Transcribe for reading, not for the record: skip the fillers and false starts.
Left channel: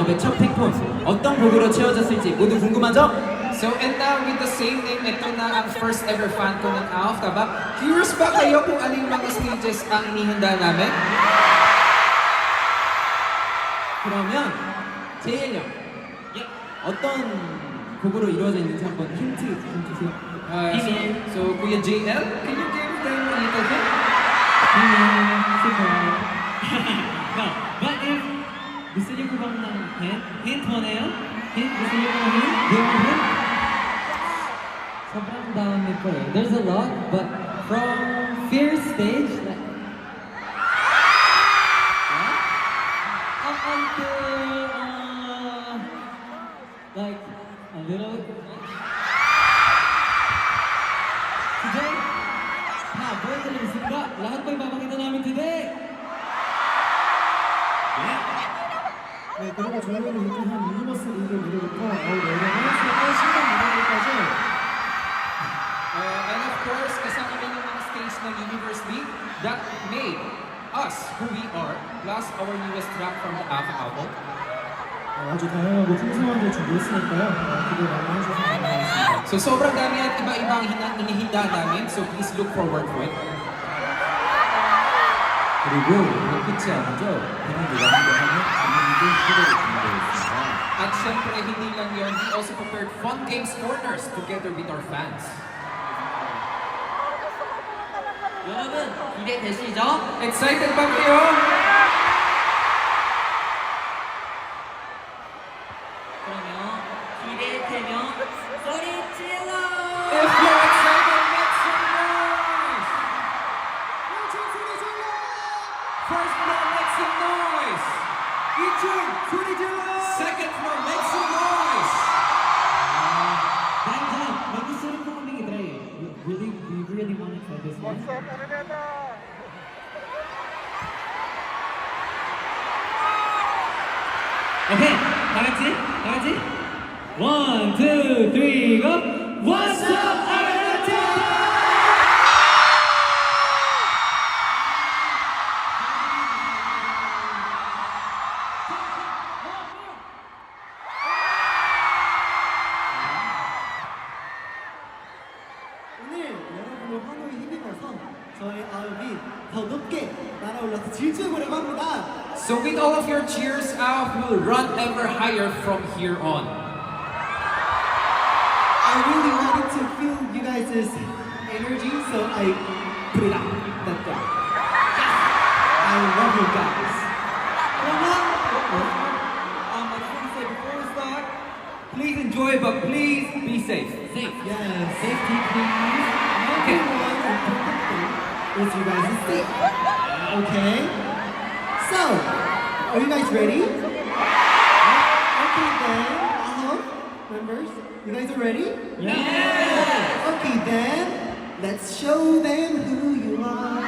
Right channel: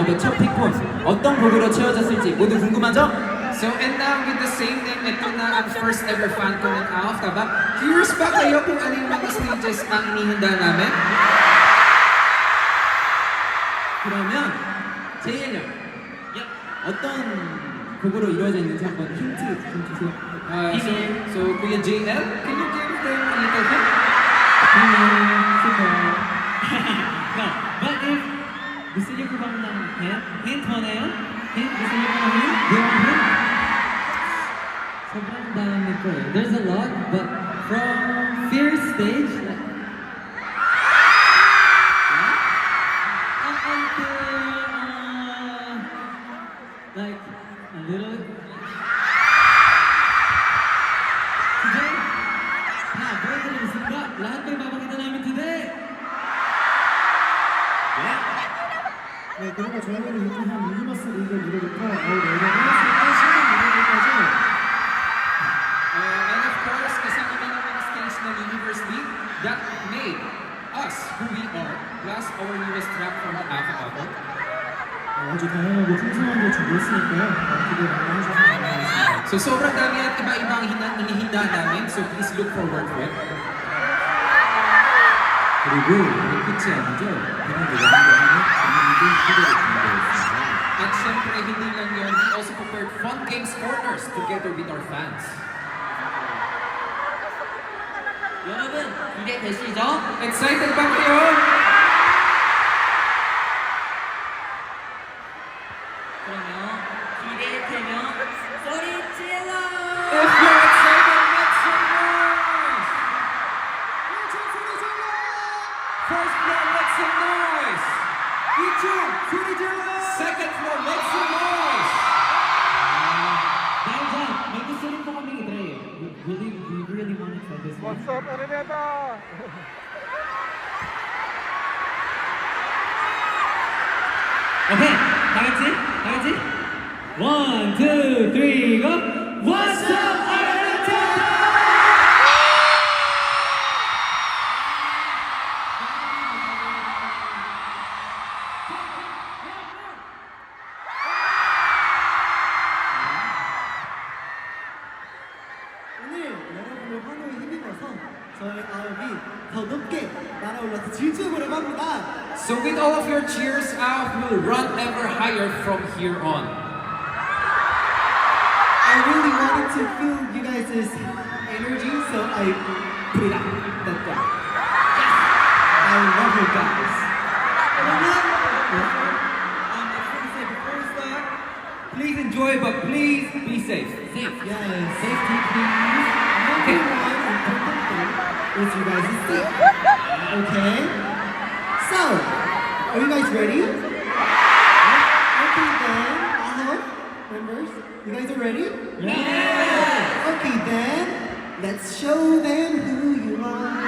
아홉의 첫 픽폰 어떤 곡으로 채워졌을지 모두 궁금하죠? So, and now with the same name, ito na ang first ever fan ko ng AOF, taba? Curious ba kayo kung ano yung mga stages ang inihanda namin? 그러면 제일 형 어떤 곡으로 이루어져 있는지 한번 힌트 좀 주세요. So, Kuya JL, can you give them a little hint? No, but if gusto niyo po bang ng hint? Hint mo na yun? Hint? Gusto niyo bang hint? Hint? Sobrang dami po eh. There's a lot, but from first stage, up until, like, a little today, boys and Simba, lahat po ipapakita namin today. 네, 그리고 저희는 이렇게 한 유니버스 리그 무대부터 내년 하나씩 신간 무대까지 And of course, kasama din yung mga stage ng Universe League that made us who we are, plus our newest track from the Alpha album. 아주 다양하고 풍성한 걸 준비했으니까요. 기대 많이 해주셔서 감사하겠습니다. So sobrang dami at iba-ibang inihanda namin, so please look forward to it. 그리고 끝이 아니죠. 그는 노래하는 재밌는 무대를 준비했습니다. At syempre, hindi lang yun, we also prepared fun games corners together with our fans. 여러분 기대되시죠? Excited ba kayo? 그러면 기대되면 소리 질러! If you're excited, make some noise! First floor, make some noise! 2층, 소리 질러! Second floor, make some noise! Bagus soon po kami i-try. We really want to try this one. What's up, Araneta? Okay, 다 같이. 1, 2, 3, go! What's up, Araneta? 오늘 여러분의 환호에 힘입어서 저희 아홉이 더 높게 날아올라서 질주해보려고 합니다. So with all of your cheers out, we'll run ever higher from here on. I really wanted to feel you guys' energy, so I put it out. That's right. I love you guys. I just want to say before we start, please enjoy, but please be safe. Safe. Yes, safety please. Everyone important thing is you guys is safe. Okay? So, are you guys ready? Okay then, members, you guys are ready? Yeah! Okay then, let's show them who you are.